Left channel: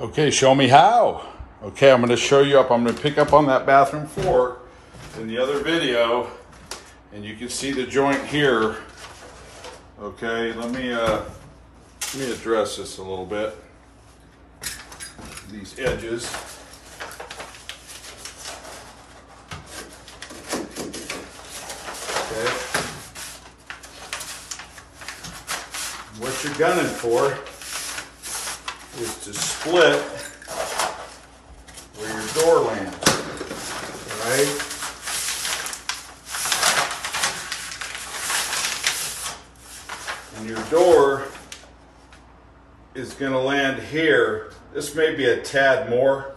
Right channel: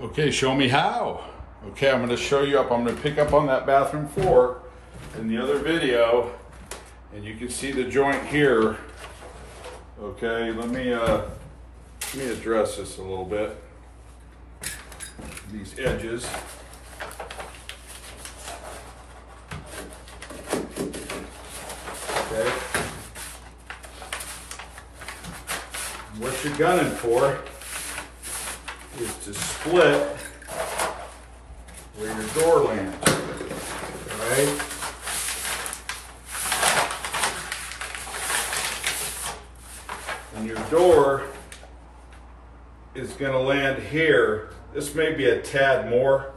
Okay, show me how. Okay, I'm going to show you up. I'm going to pick up on that bathroom floor in the other video, and you can see the joint here. Okay, let me address this a little bit. These edges. Okay. What you're gunning for is to split where your door lands, right? And your door is going to land here. This may be a tad more,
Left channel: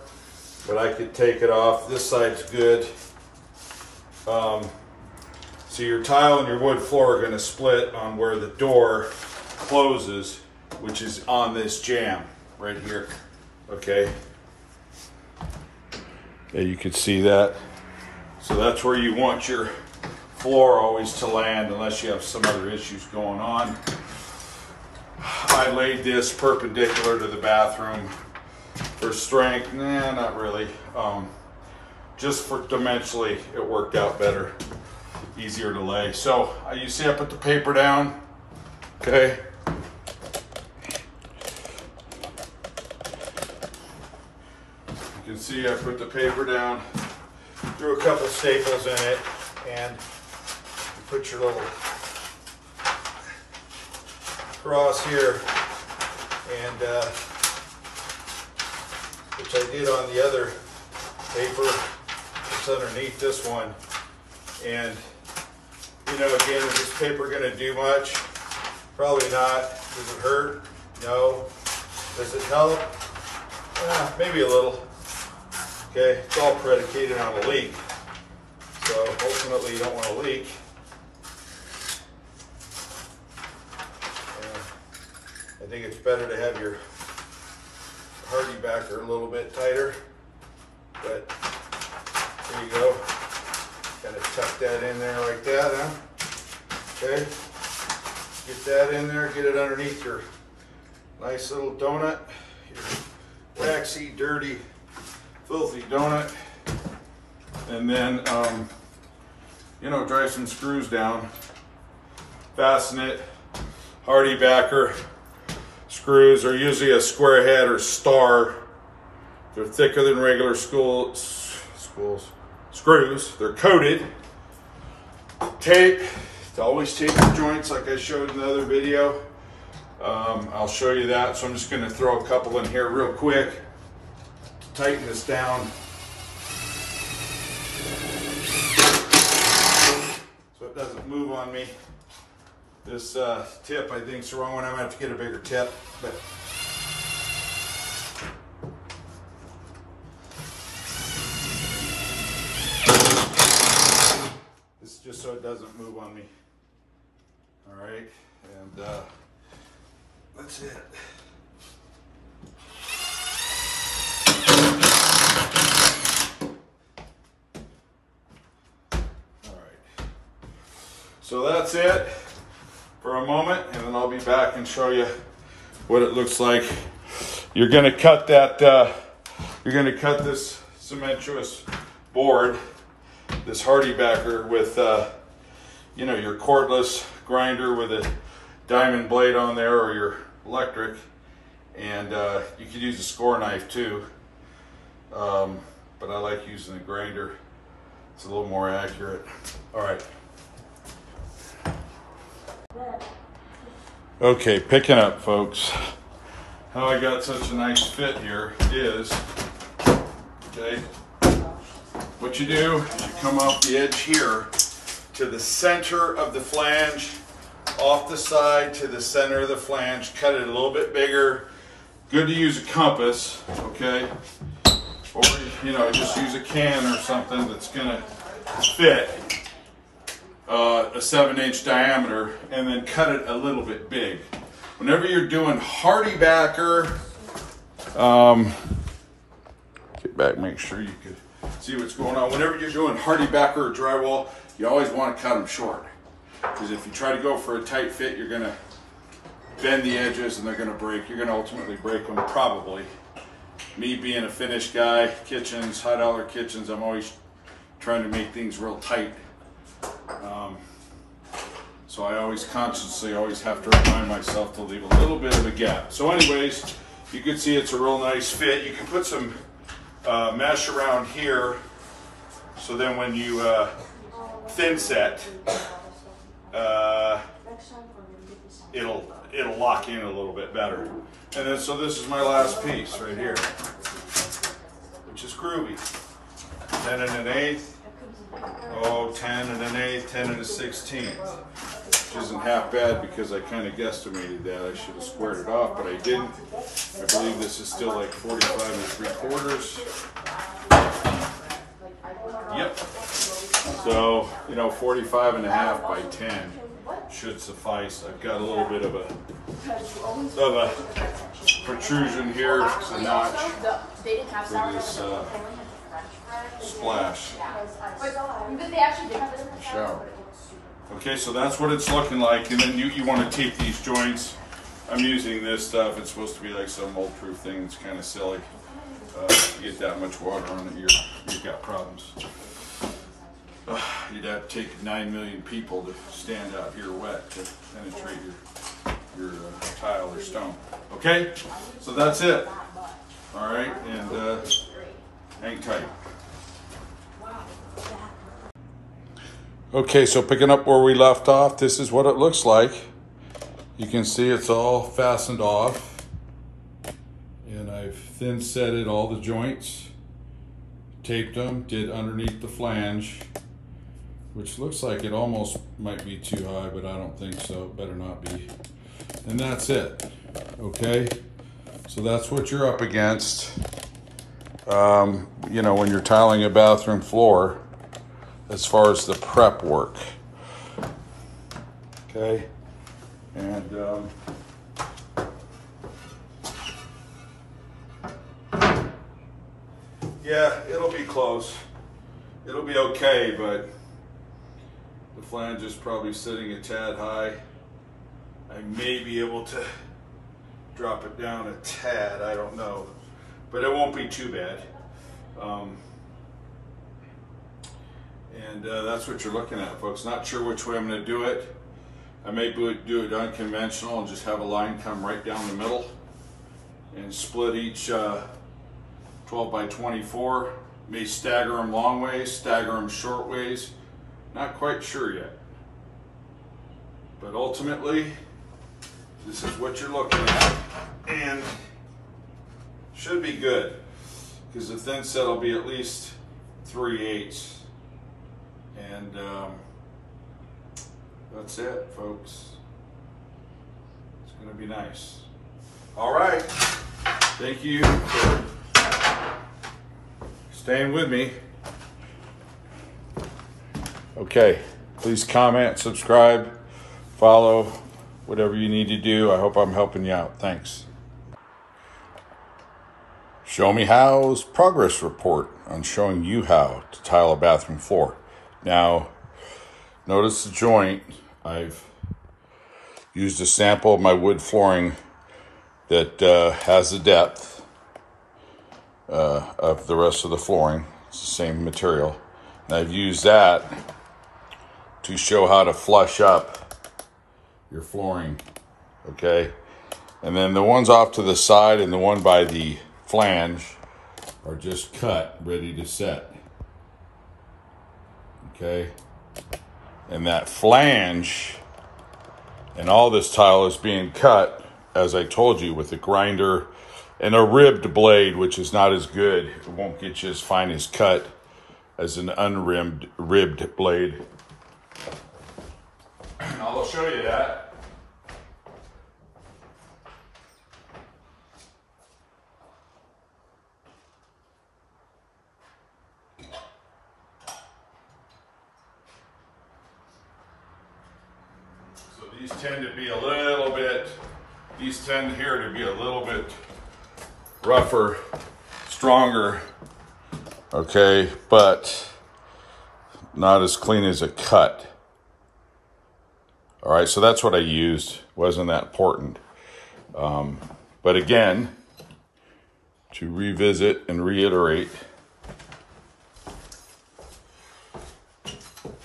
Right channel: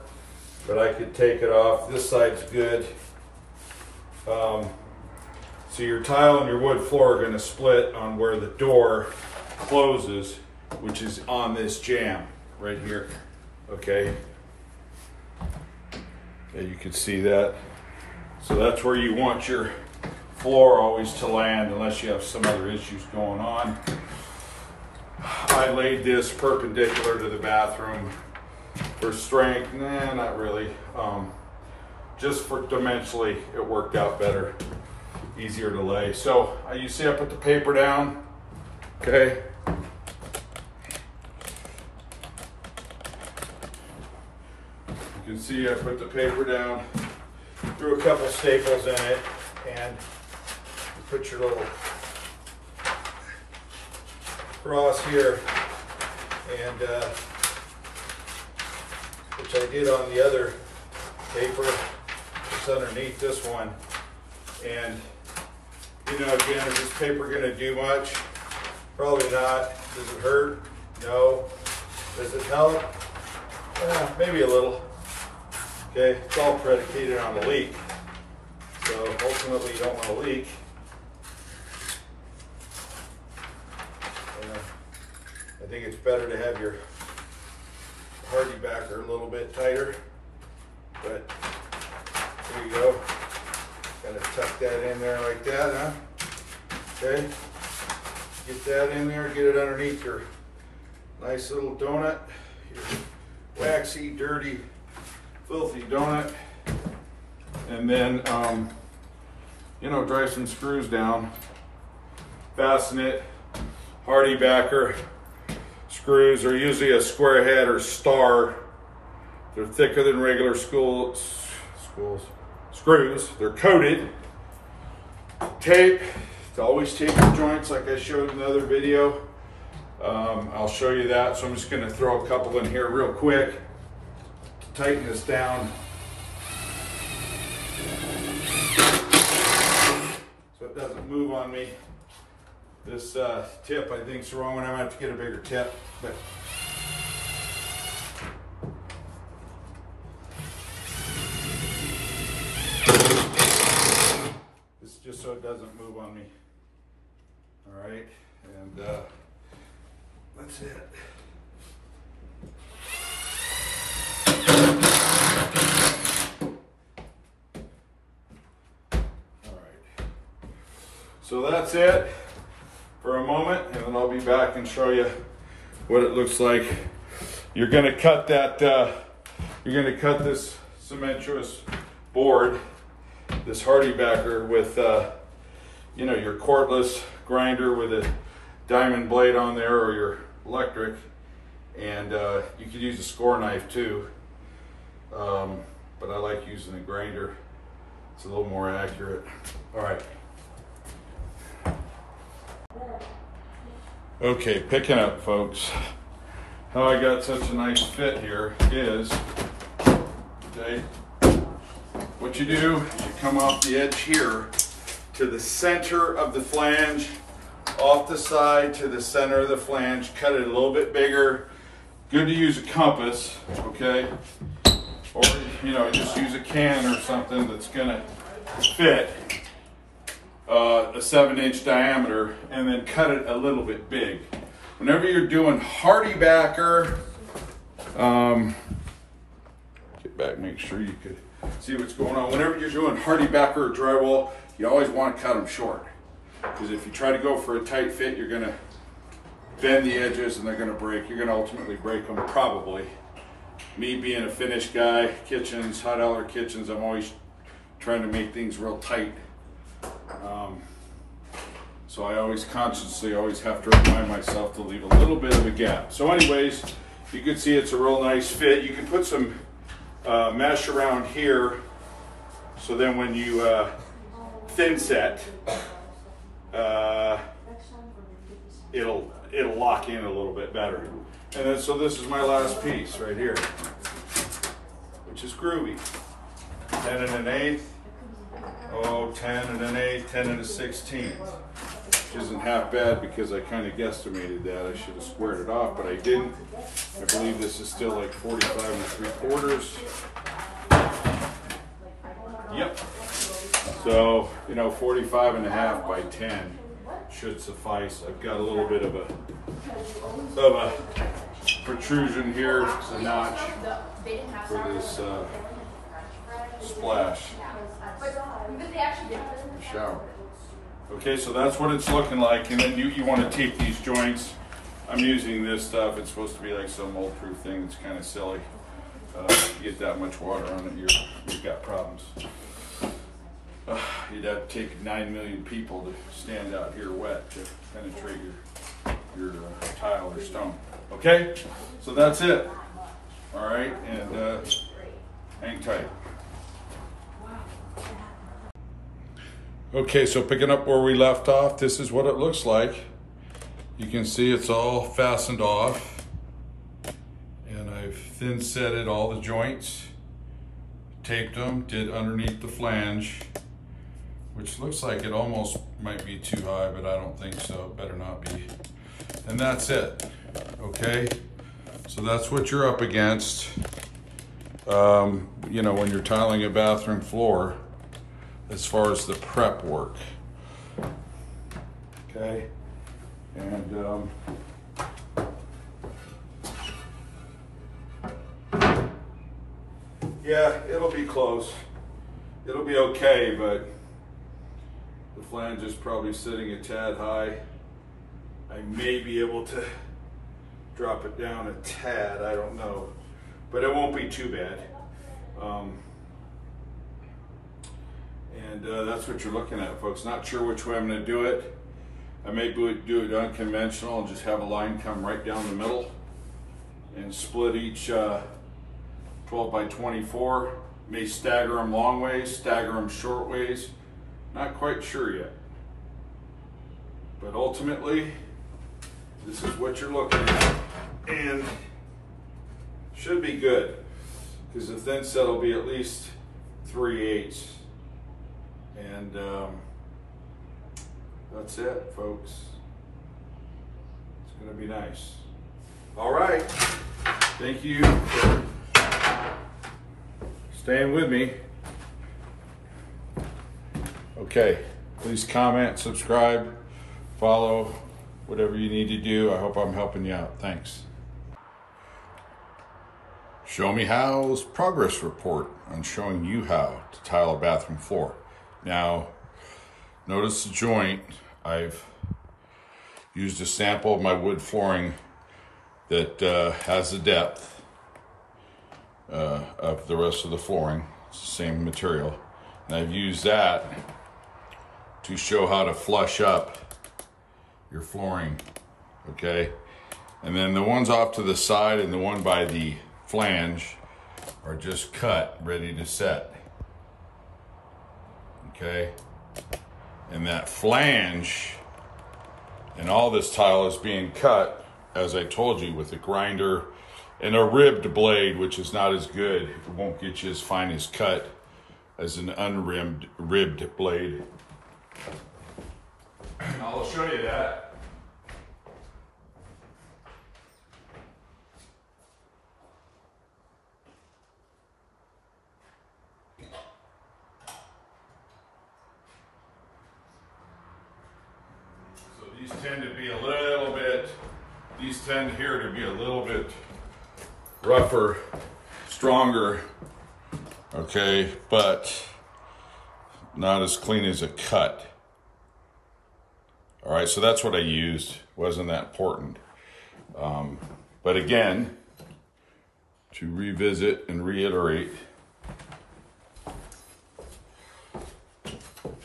but I could take it off. This side's good. So your tile and your wood floor are going to split on where the door closes, which is on this jamb right here. Okay. Yeah, you can see that. So that's where you want your floor always to land, unless you have some other issues going on. I laid this perpendicular to the bathroom for strength. Nah, not really. Just for dimensionally, it worked out better, easier to lay. So you see, I put the paper down. Okay. You can see I put the paper down, threw a couple staples in it, and you put your little cross here, and which I did on the other paper. It's underneath this one. And you know, again, is this paper going to do much? Probably not. Does it hurt? No. Does it help? Maybe a little. Okay, it's all predicated on a leak. So ultimately you don't want to leak. I think it's better to have your Hardi-Backer a little bit tighter. But there you go. Kind of tuck that in there like that, huh? Okay. Get that in there, get it underneath your nice little donut, your waxy, dirty, filthy donut. And then, you know, drive some screws down, fasten it. Hardi-Backer screws are usually a square head or star. They're thicker than regular screws. They're coated. Tape. To always tape the joints like I showed in the other video. I'll show you that. So I'm just going to throw a couple in here real quick to tighten this down. So it doesn't move on me. This tip I think is the wrong one. I might have to get a bigger tip. But this is just so it doesn't move on me. All right, and that's it. All right, so that's it for a moment, and then I'll be back and show you what it looks like. You're going to cut that. You're going to cut this cementous board, this Hardi-Backer, with you know, your cordless grinder with a diamond blade on there, or your electric, and you could use a score knife too, but I like using a grinder. It's a little more accurate. All right. Okay, picking up, folks. How I got such a nice fit here is, okay, what you do is you come off the edge here to the center of the flange, off the side to the center of the flange, cut it a little bit bigger. Good to use a compass, okay? Or, you know, just use a can or something that's gonna fit a 7-inch diameter, and then cut it a little bit big. Whenever you're doing Hardi-Backer, get back, make sure you can see what's going on. Whenever you're doing Hardi-Backer or drywall, you always want to cut them short. Because if you try to go for a tight fit, you're going to bend the edges and they're going to break. You're going to ultimately break them probably me being a finish guy, kitchens, high dollar kitchens, I'm always trying to make things real tight. So I always consciously have to remind myself to leave a little bit of a gap. So anyways, you can see it's a real nice fit. You can put some mesh around here, so then when you thin set, it'll lock in a little bit better. And then so this is my last piece right here, which is groovy. 10 1/8. Oh, 10 1/8, 10 1/16. Which isn't half bad because I kind of guesstimated that. I should have squared it off, but I didn't. I believe this is still like 45 3/4. Yep. So, you know, 45.5 by 10 should suffice. I've got a little bit of a protrusion here, it's a notch for this splash shower. Okay, so that's what it's looking like, and then you want to take these joints. I'm using this stuff. It's supposed to be like some mold-proof thing. It's kind of silly. If you get that much water on it, you've got problems. You'd have to take 9 million people to stand out here wet to penetrate your tile or stone. Okay, so that's it. All right, and hang tight. Okay, so picking up where we left off, this is what it looks like. You can see it's all fastened off, and I've thin setted all the joints, taped them, did underneath the flange, which looks like it almost might be too high, but I don't think so. It better not be. And that's it. Okay, so that's what you're up against. You know, when you're tiling a bathroom floor, as far as the prep work. Okay, and yeah, it'll be close. It'll be okay, but the flange is probably sitting a tad high. I may be able to drop it down a tad, I don't know, but it won't be too bad. And that's what you're looking at, folks. Not sure which way I'm going to do it. I may do it unconventional and just have a line come right down the middle and split each 12 by 24. May stagger them long ways, stagger them short ways. Not quite sure yet. But ultimately, this is what you're looking at, and should be good, because the thin set will be at least 3/8. And that's it, folks. It's gonna be nice. All right, thank you for staying with me. Okay, please comment, subscribe, follow, whatever you need to do. I hope I'm helping you out. Thanks. Show Me How's progress report on showing you how to tile a bathroom floor. Now, notice the joint. I've used a sample of my wood flooring that has the depth of the rest of the flooring. It's the same material. And I've used that to show how to flush up your flooring, okay? And then the ones off to the side and the one by the flange are just cut, ready to set. Okay, and that flange and all this tile is being cut, as I told you, with a grinder and a ribbed blade, which is not as good. It won't get you as fine as cut as an ribbed blade. I'll show you that. These tend to be a little bit, these tend here to be a little bit rougher, stronger, okay, but not as clean as a cut. All right, so that's what I used. Wasn't that important. But again, to revisit and reiterate.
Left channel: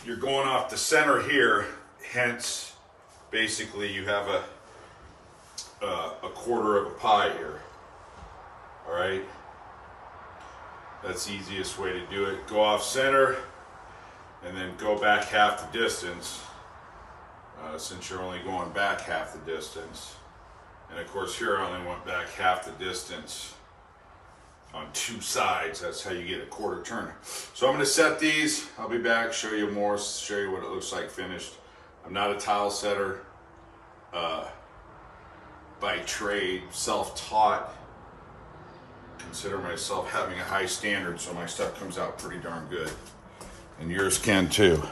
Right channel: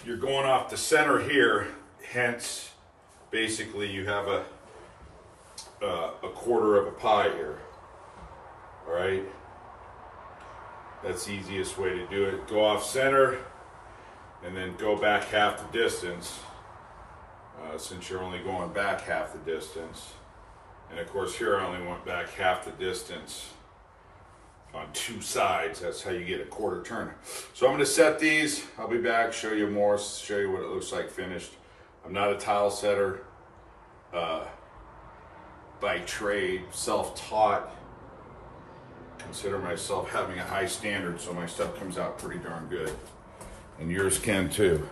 You're going off the center here, hence basically you have a quarter of a pie here. All right, that's the easiest way to do it. Go off center and then go back half the distance, since you're only going back half the distance. And of course here I only went back half the distance on two sides. That's how you get a quarter turn. So I'm going to set these. I'll be back, show you more, show you what it looks like finished. I'm not a tile setter by trade, self-taught. Consider myself having a high standard, so my stuff comes out pretty darn good. And yours can too.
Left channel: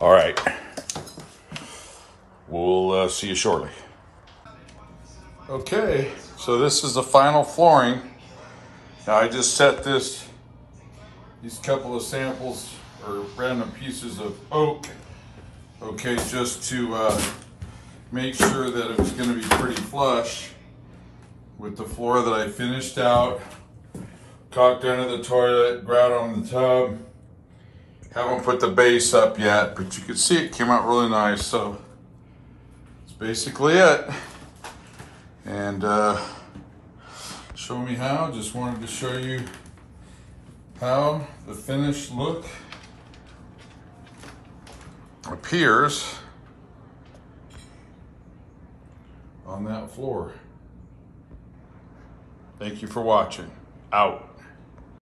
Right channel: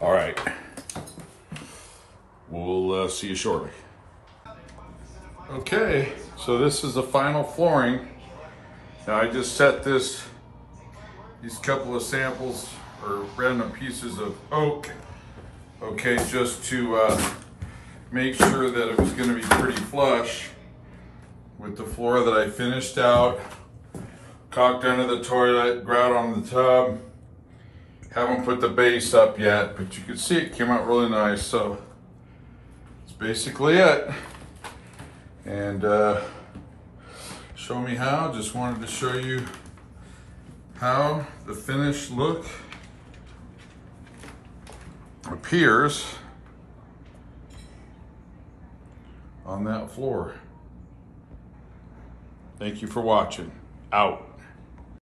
All right. We'll see you shortly. Okay, so this is the final flooring. Now I just set these couple of samples or random pieces of oak, okay, just to make sure that it was going to be pretty flush with the floor that I finished out. Caulked under the toilet, grout on the tub. Haven't put the base up yet, but you can see it came out really nice. So that's basically it. And show me how. Just wanted to show you how the finished look appears on that floor. Thank you for watching. Out.